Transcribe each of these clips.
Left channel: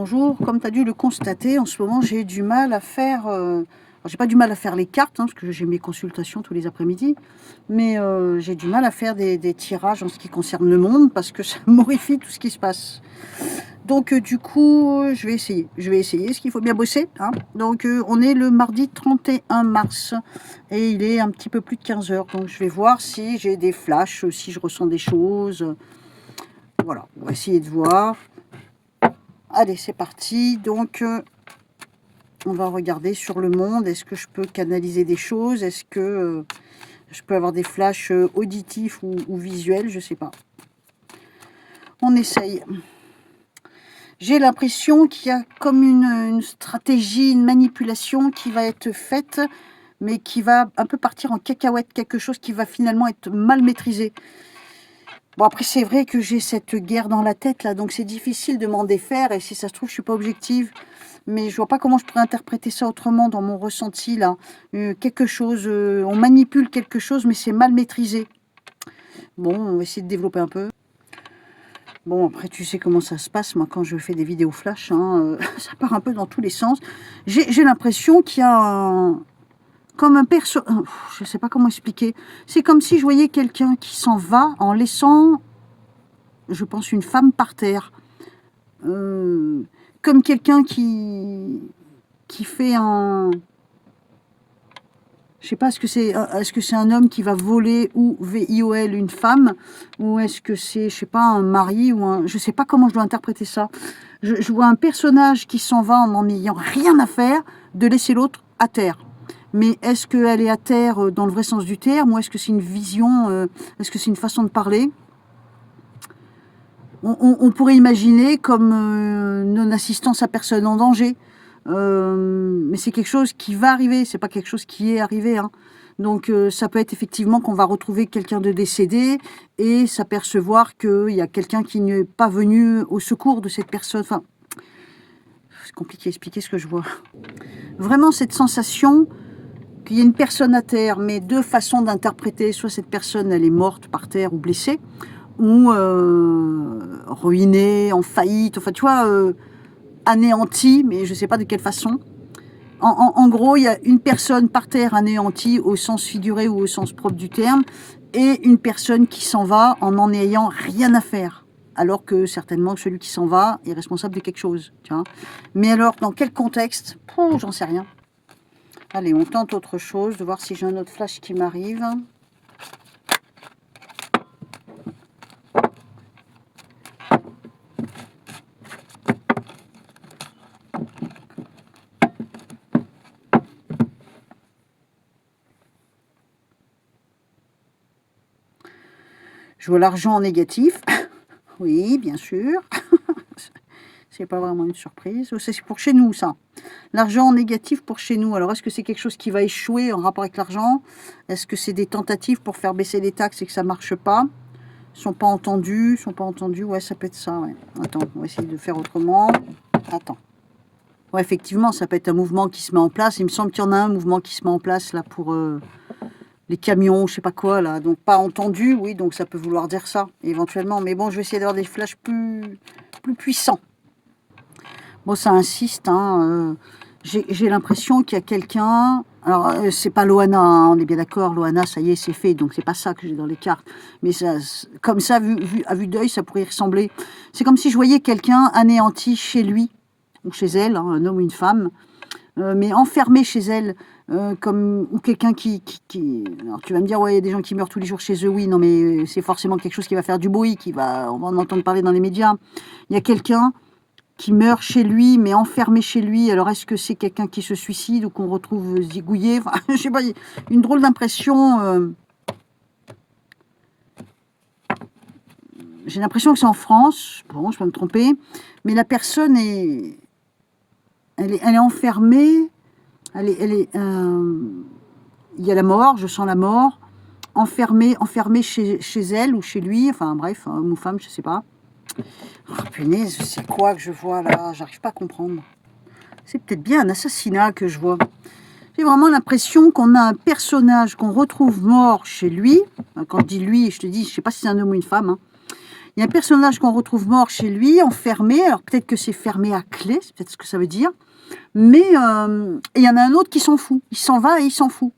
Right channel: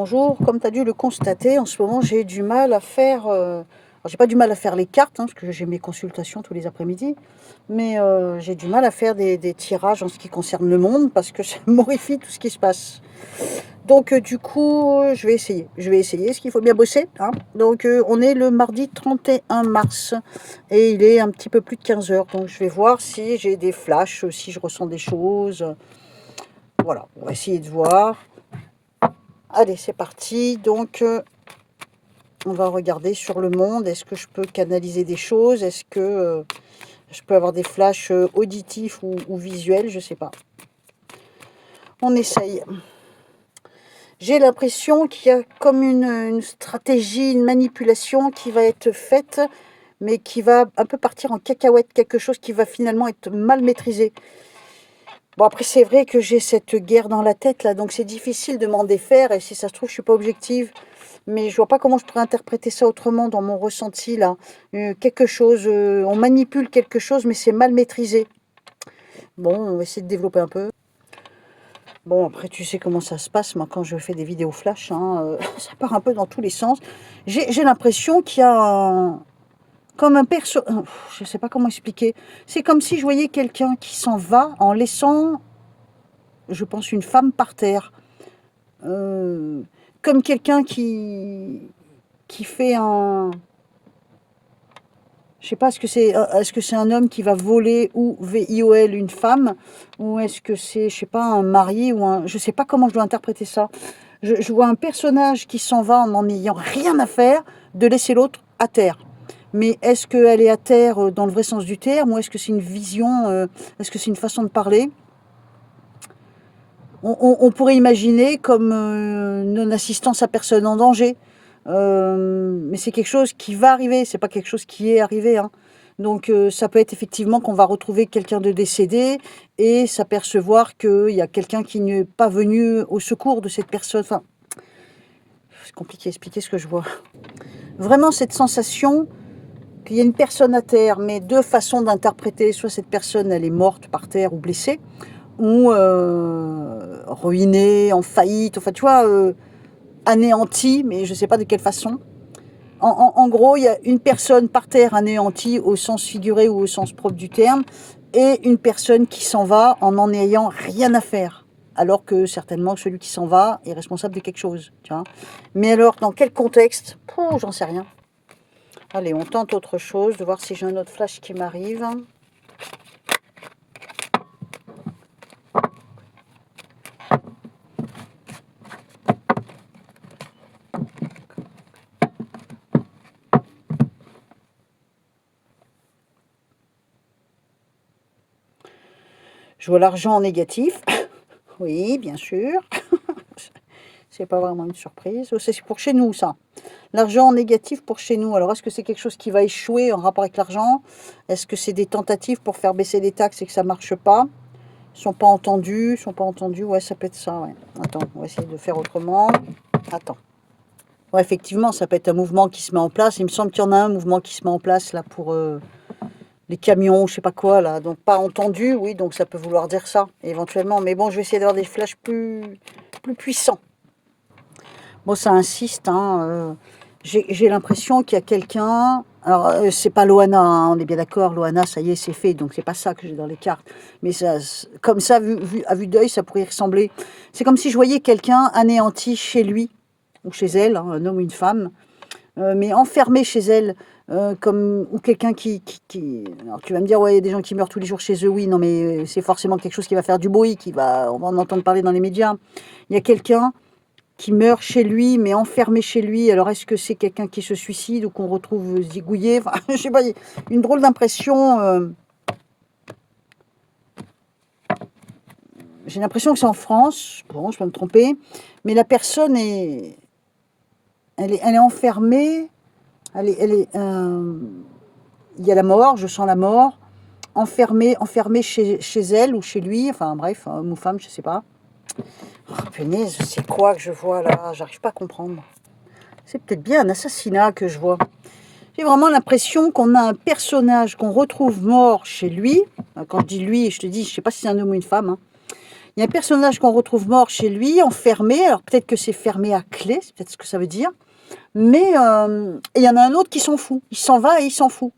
Bonjour, comme tu as dû le constater, en ce moment j'ai du mal à faire... j'ai pas du mal à faire les cartes, parce que j'ai mes consultations tous les après-midi, mais j'ai du mal à faire des tirages en ce qui concerne le monde, parce que ça m'horrifie tout ce qui se passe. Donc du coup, je vais essayer. Parce qu'il faut bien bosser. Donc on est le mardi 31 mars, et il est un petit peu plus de 15 heures, donc je vais voir si j'ai des flashs, si je ressens des choses. Voilà, on va essayer de voir. Allez, c'est parti. Donc, on va regarder sur le monde. Est-ce que je peux canaliser des choses? Est-ce que je peux avoir des flashs auditifs ou visuels? Je sais pas. On essaye. J'ai l'impression qu'il y a comme une stratégie, une manipulation qui va être faite, mais qui va un peu partir en cacahuète. Quelque chose qui va finalement être mal maîtrisé. Bon, après, c'est vrai que j'ai cette guerre dans la tête, là, donc c'est difficile de m'en défaire, et si ça se trouve, je suis pas objective. Mais je vois pas comment je pourrais interpréter ça autrement dans mon ressenti, là. Quelque chose, on manipule quelque chose, mais c'est mal maîtrisé. Bon, on va essayer de développer un peu. Bon, après, tu sais comment ça se passe, moi, quand je fais des vidéos flash, ça part un peu dans tous les sens. J'ai l'impression qu'il y a comme un perso... je sais pas comment expliquer. C'est comme si je voyais quelqu'un qui s'en va en laissant, je pense, une femme par terre. Comme quelqu'un qui fait un... Je sais pas, est-ce que c'est un homme qui va voler ou VIOL une femme, ou est-ce que c'est, je sais pas, un mari ou un... Je sais pas comment je dois interpréter ça. Je vois un personnage qui s'en va en n'en ayant rien à faire de laisser l'autre à terre. Mais est-ce qu'elle est à terre dans le vrai sens du terme, ou est-ce que c'est une vision, est-ce que c'est une façon de parler? On pourrait imaginer comme non-assistance à personne en danger. Mais c'est quelque chose qui va arriver, c'est pas quelque chose qui est arrivé. Donc ça peut être effectivement qu'on va retrouver quelqu'un de décédé et s'apercevoir qu'il y a quelqu'un qui n'est pas venu au secours de cette personne. Enfin, c'est compliqué à expliquer ce que je vois. Vraiment cette sensation qu'il y a une personne à terre, mais deux façons d'interpréter. Soit cette personne, elle est morte par terre ou blessée, ou ruinée, en faillite, enfin tu vois, anéantie, mais je ne sais pas de quelle façon. En gros, il y a une personne par terre anéantie au sens figuré ou au sens propre du terme, et une personne qui s'en va en n'en ayant rien à faire. Alors que certainement celui qui s'en va est responsable de quelque chose. Tu vois. Mais alors, dans quel contexte? J'en sais rien. Allez, on tente autre chose, de voir si j'ai un autre flash qui m'arrive. Je vois l'argent en négatif. Oui, bien sûr. C'est pas vraiment une surprise. C'est pour chez nous, ça. L'argent en négatif pour chez nous. Alors, est-ce que c'est quelque chose qui va échouer en rapport avec l'argent? Est-ce que c'est des tentatives pour faire baisser les taxes et que ça marche pas? Ils sont pas entendus, Ouais, ça peut être ça, ouais. Attends, on va essayer de faire autrement. Attends. Ouais, effectivement, ça peut être un mouvement qui se met en place. Il me semble qu'il y en a un mouvement qui se met en place, là, pour les camions, je sais pas quoi, là. Donc, pas entendu, oui, donc ça peut vouloir dire ça, éventuellement. Mais bon, je vais essayer d'avoir des flashs plus puissants. Bon, ça insiste, j'ai l'impression qu'il y a quelqu'un... Alors, c'est pas Loana, on est bien d'accord, Loana, ça y est, c'est fait, donc c'est pas ça que j'ai dans les cartes. Mais ça, comme ça, à vue d'œil, ça pourrait y ressembler. C'est comme si je voyais quelqu'un anéanti chez lui, ou chez elle, un homme ou une femme, mais enfermé chez elle, ou quelqu'un qui... Alors, tu vas me dire, ouais, il y a des gens qui meurent tous les jours chez eux, oui, non, mais c'est forcément quelque chose qui va faire du bruit, on va en entendre parler dans les médias. Il y a quelqu'un qui meurt chez lui, mais enfermé chez lui. Alors, est-ce que c'est quelqu'un qui se suicide ou qu'on retrouve zigouillé? Enfin, je sais pas, une drôle d'impression. J'ai l'impression que c'est en France. Bon, je peux me tromper. Mais la personne elle est enfermée. Il y a la mort, je sens la mort. Enfermée chez elle ou chez lui. Enfin, bref, homme ou femme, je sais pas. Oh, punaise, c'est quoi que je vois là? J'arrive pas à comprendre. C'est peut-être bien un assassinat que je vois. J'ai vraiment l'impression qu'on a un personnage qu'on retrouve mort chez lui. Quand je dis lui, je te dis, je sais pas si c'est un homme ou une femme. Il y a un personnage qu'on retrouve mort chez lui, enfermé. Alors peut-être que c'est fermé à clé, c'est peut-être ce que ça veut dire. Mais il y en a un autre qui s'en fout. Il s'en va et il s'en fout.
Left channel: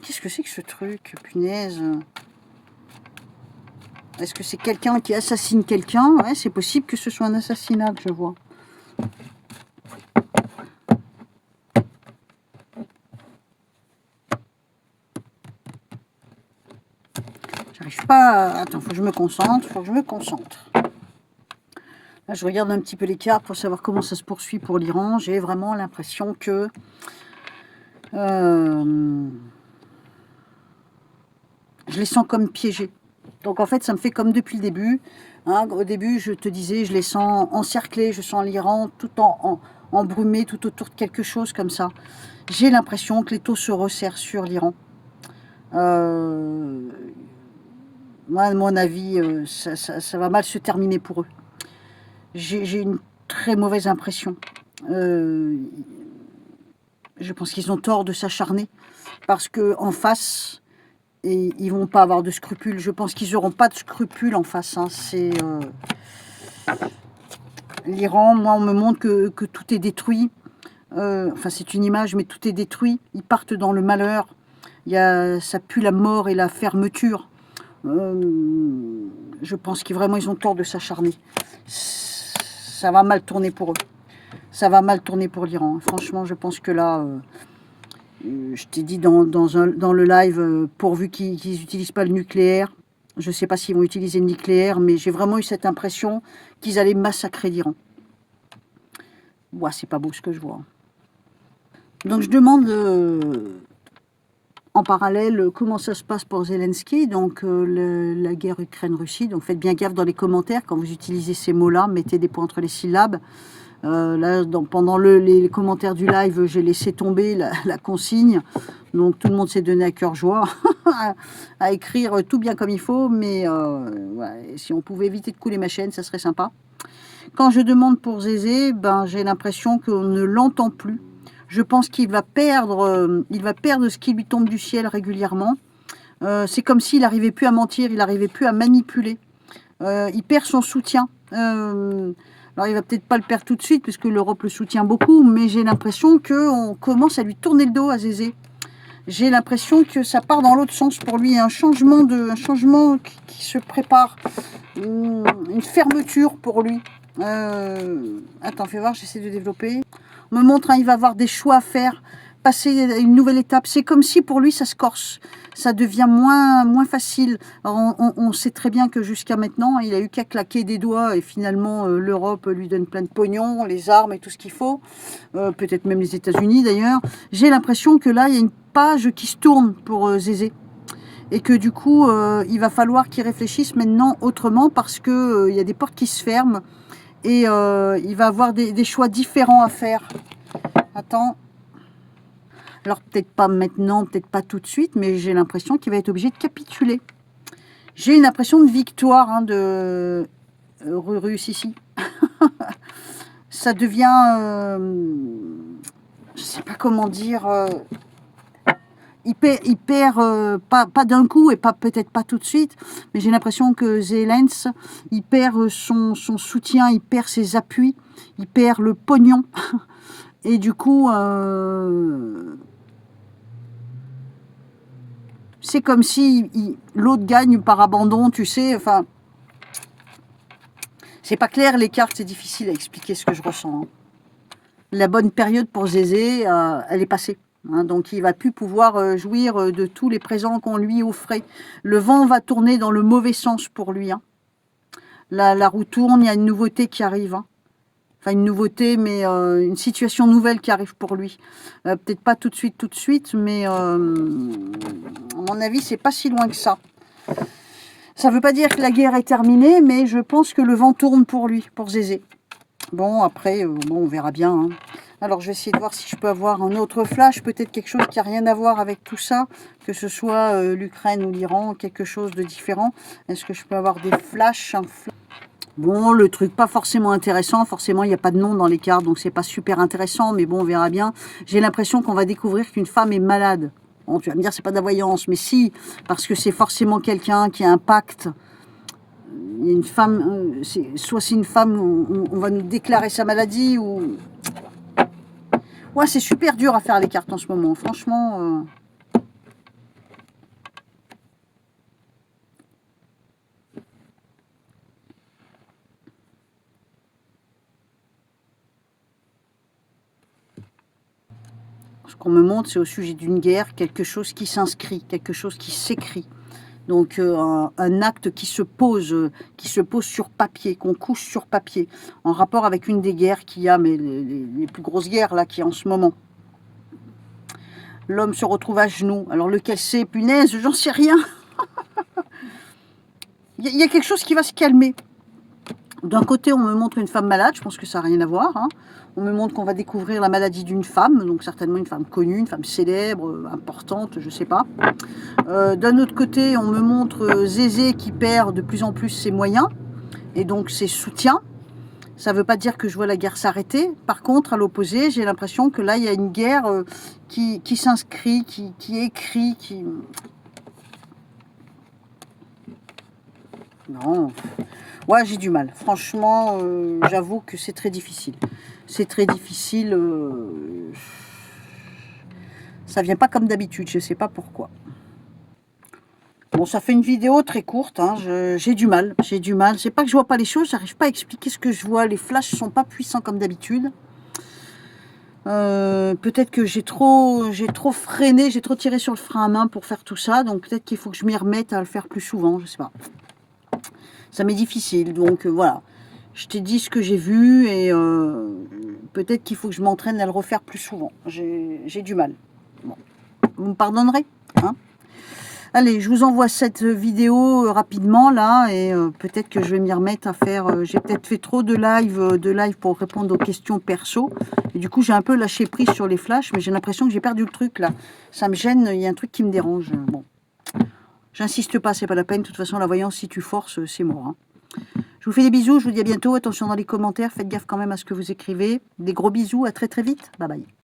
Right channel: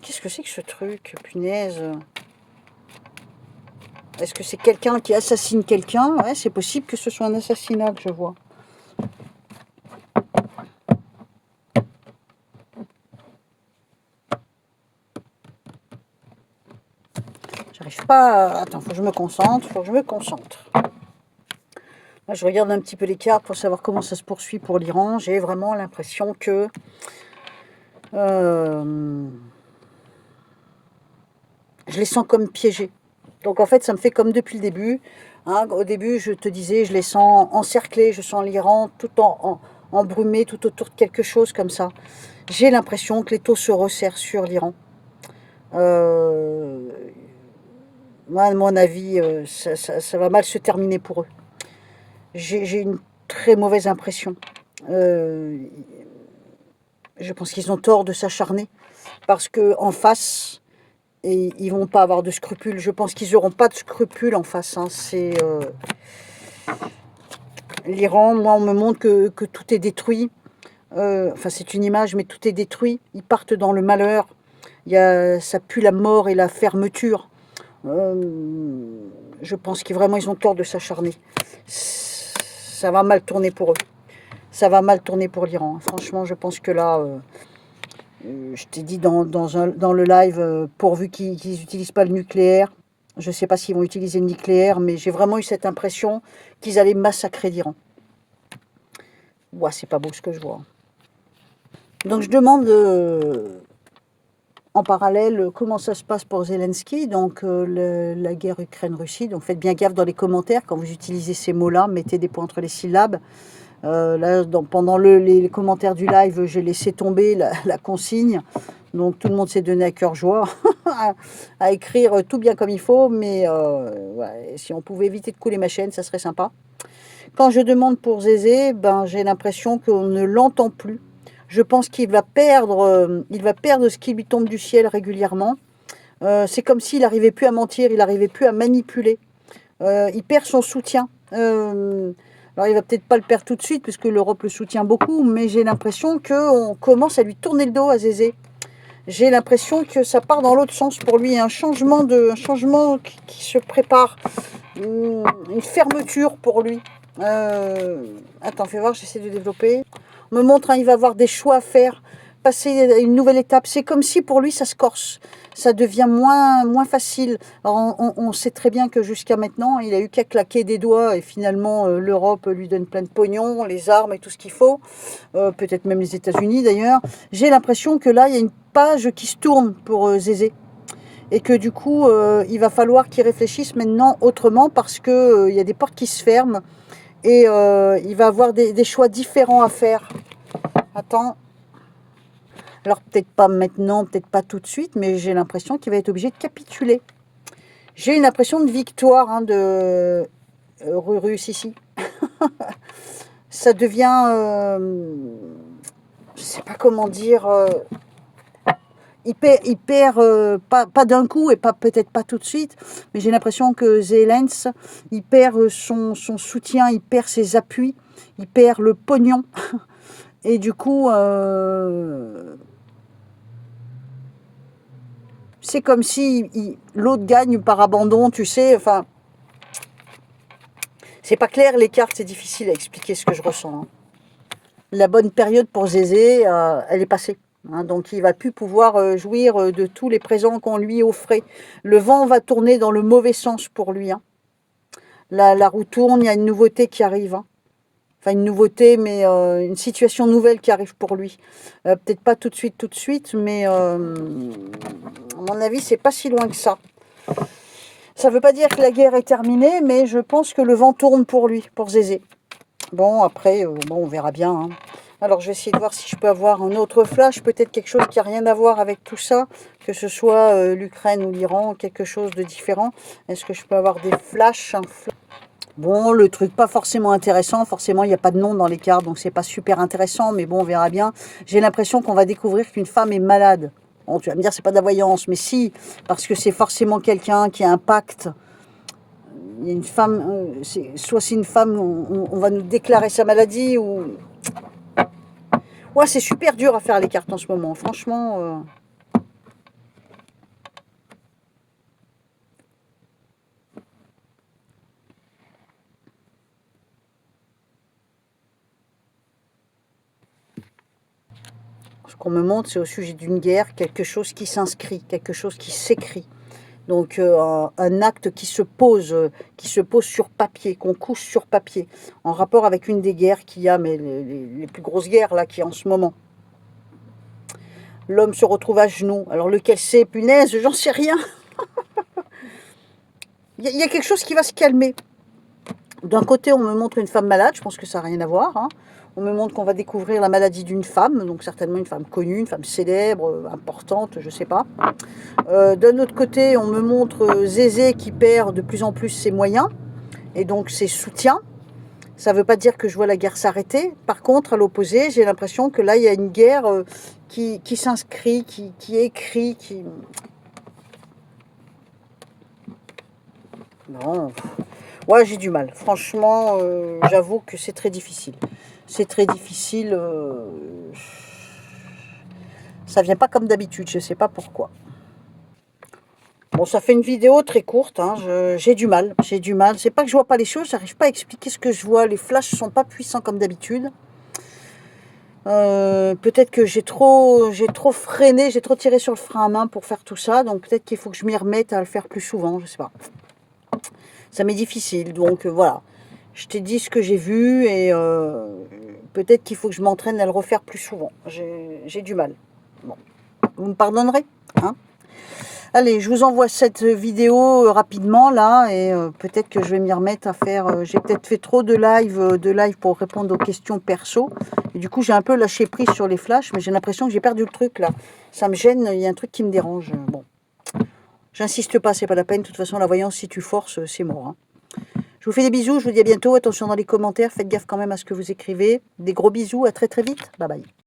Qu'est-ce que c'est que ce truc, punaise? Est-ce que c'est quelqu'un qui assassine quelqu'un? Ouais, c'est possible que ce soit un assassinat que je vois. J'arrive pas à... Attends, faut que je me concentre, Là, je regarde un petit peu les cartes pour savoir comment ça se poursuit pour l'Iran. J'ai vraiment l'impression que... je les sens comme piégés. Donc en fait, ça me fait comme depuis le début. Hein. Au début, je te disais, je les sens encerclés, je sens l'Iran tout embrumé, tout autour de quelque chose comme ça. J'ai l'impression que les taux se resserrent sur l'Iran. Moi, à mon avis, ça va mal se terminer pour eux. J'ai une très mauvaise impression. Je pense qu'ils ont tort de s'acharner parce qu'en face, ils vont pas avoir de scrupules. Je pense qu'ils n'auront pas de scrupules en face. Hein. C'est l'Iran. Moi, on me montre que tout est détruit. Enfin, c'est une image, mais tout est détruit. Ils partent dans le malheur. Ça pue la mort et la fermeture. Je pense qu'ils vraiment ils ont tort de s'acharner. Ça va mal tourner pour eux. Ça va mal tourner pour l'Iran. Franchement, je pense que là, je t'ai dit dans le live, pourvu qu'ils n'utilisent pas le nucléaire. Je ne sais pas s'ils vont utiliser le nucléaire, mais j'ai vraiment eu cette impression qu'ils allaient massacrer l'Iran. Ouais, c'est pas beau ce que je vois. Donc je demande en parallèle comment ça se passe pour Zelensky, donc la guerre Ukraine-Russie. Donc faites bien gaffe dans les commentaires quand vous utilisez ces mots-là, mettez des points entre les syllabes. Là, pendant les commentaires du live, j'ai laissé tomber la consigne. Donc tout le monde s'est donné à cœur joie à écrire tout bien comme il faut. Mais ouais, si on pouvait éviter de couler ma chaîne, ça serait sympa. Quand je demande pour Zézé, ben, j'ai l'impression qu'on ne l'entend plus. Je pense qu'il va perdre ce qui lui tombe du ciel régulièrement. C'est comme s'il n'arrivait plus à mentir, il n'arrivait plus à manipuler. Il perd son soutien. Alors il va peut-être pas le perdre tout de suite, puisque l'Europe le soutient beaucoup, mais j'ai l'impression qu'on commence à lui tourner le dos à Zézé. J'ai l'impression que ça part dans l'autre sens pour lui. Il y a un changement qui se prépare. Une fermeture pour lui. Attends, fais voir, j'essaie de développer. On me montre, hein, il va avoir des choix à faire, passer à une nouvelle étape. C'est comme si pour lui, ça se corse. Ça devient moins facile. Alors, on sait très bien que jusqu'à maintenant, il a eu qu'à claquer des doigts et finalement, l'Europe lui donne plein de pognon, les armes et tout ce qu'il faut. Peut-être même les États-Unis d'ailleurs. J'ai l'impression que là, il y a une page qui se tourne pour Zézé. Et que du coup, il va falloir qu'il réfléchisse maintenant autrement parce qu'il y a des portes qui se ferment. Et il va avoir des choix différents à faire. Attends. Alors peut-être pas maintenant, peut-être pas tout de suite, mais j'ai l'impression qu'il va être obligé de capituler. J'ai une impression de victoire hein, de Rurus ici. Ça devient... je sais pas comment dire... il perd pas d'un coup et peut-être pas tout de suite, mais j'ai l'impression que Zelensky, il perd son soutien, il perd ses appuis, il perd le pognon. Et du coup, c'est comme si l'autre gagne par abandon, tu sais. Enfin, c'est pas clair, les cartes, c'est difficile à expliquer ce que je ressens. Hein. La bonne période pour Zézé, elle est passée. Hein, donc il va plus pouvoir jouir de tous les présents qu'on lui offrait. Le vent va tourner dans le mauvais sens pour lui. Hein. La roue tourne, il y a une nouveauté qui arrive. Hein. Enfin une nouveauté, mais une situation nouvelle qui arrive pour lui. Peut-être pas tout de suite, mais à mon avis, c'est pas si loin que ça. Ça ne veut pas dire que la guerre est terminée, mais je pense que le vent tourne pour lui, pour Zézé. Bon, après, on verra bien. Hein. Alors, je vais essayer de voir si je peux avoir un autre flash, peut-être quelque chose qui n'a rien à voir avec tout ça, que ce soit l'Ukraine ou l'Iran, quelque chose de différent. Est-ce que je peux avoir des flashs Bon, le truc pas forcément intéressant, forcément il n'y a pas de nom dans les cartes, donc c'est pas super intéressant, mais bon, on verra bien. J'ai l'impression qu'on va découvrir qu'une femme est malade. Bon, tu vas me dire, c'est pas de la voyance, mais si, parce que c'est forcément quelqu'un qui a un pacte. il y a une femme, soit c'est une femme, on va nous déclarer sa maladie, ou... Ouais, c'est super dur à faire les cartes en ce moment, franchement. Ce qu'on me montre, c'est au sujet d'une guerre, quelque chose qui s'inscrit, quelque chose qui s'écrit. Donc un acte qui se pose sur papier, qu'on couche sur papier, en rapport avec une des guerres qu'il y a, mais les plus grosses guerres là qu'il y a en ce moment. L'homme se retrouve à genoux. Alors lequel c'est, punaise, j'en sais rien. Il y a quelque chose qui va se calmer. D'un côté, on me montre une femme malade, je pense que ça n'a rien à voir. Hein. On me montre qu'on va découvrir la maladie d'une femme, donc certainement une femme connue, une femme célèbre, importante, je ne sais pas. D'un autre côté, on me montre Zézé qui perd de plus en plus ses moyens, et donc ses soutiens. Ça ne veut pas dire que je vois la guerre s'arrêter. Par contre, à l'opposé, j'ai l'impression que là, il y a une guerre qui s'inscrit, qui écrit, qui... Non... Ouais, j'ai du mal. Franchement, j'avoue que c'est très difficile. C'est très difficile. Ça vient pas comme d'habitude, je sais pas pourquoi. Bon, ça fait une vidéo très courte, hein. J'ai du mal. J'ai du mal. C'est pas que je vois pas les choses, j'arrive pas à expliquer ce que je vois. Les flashs sont pas puissants comme d'habitude. Peut-être que j'ai trop freiné, j'ai trop tiré sur le frein à main pour faire tout ça. Donc peut-être qu'il faut que je m'y remette à le faire plus souvent, je sais pas. Ça m'est difficile, donc voilà. Je t'ai dit ce que j'ai vu et peut-être qu'il faut que je m'entraîne à le refaire plus souvent. J'ai du mal. Bon. Vous me pardonnerez, hein? Allez, je vous envoie cette vidéo rapidement là et peut-être que je vais m'y remettre à faire... j'ai peut-être fait trop de live pour répondre aux questions perso. Et du coup, j'ai un peu lâché prise sur les flashs, mais j'ai l'impression que j'ai perdu le truc là. Ça me gêne, il y a un truc qui me dérange. Bon. J'insiste pas, c'est pas la peine. De toute façon, la voyance, si tu forces, c'est mort. Hein. Je vous fais des bisous, je vous dis à bientôt. Attention dans les commentaires, faites gaffe quand même à ce que vous écrivez. Des gros bisous, à très très vite. Bye bye.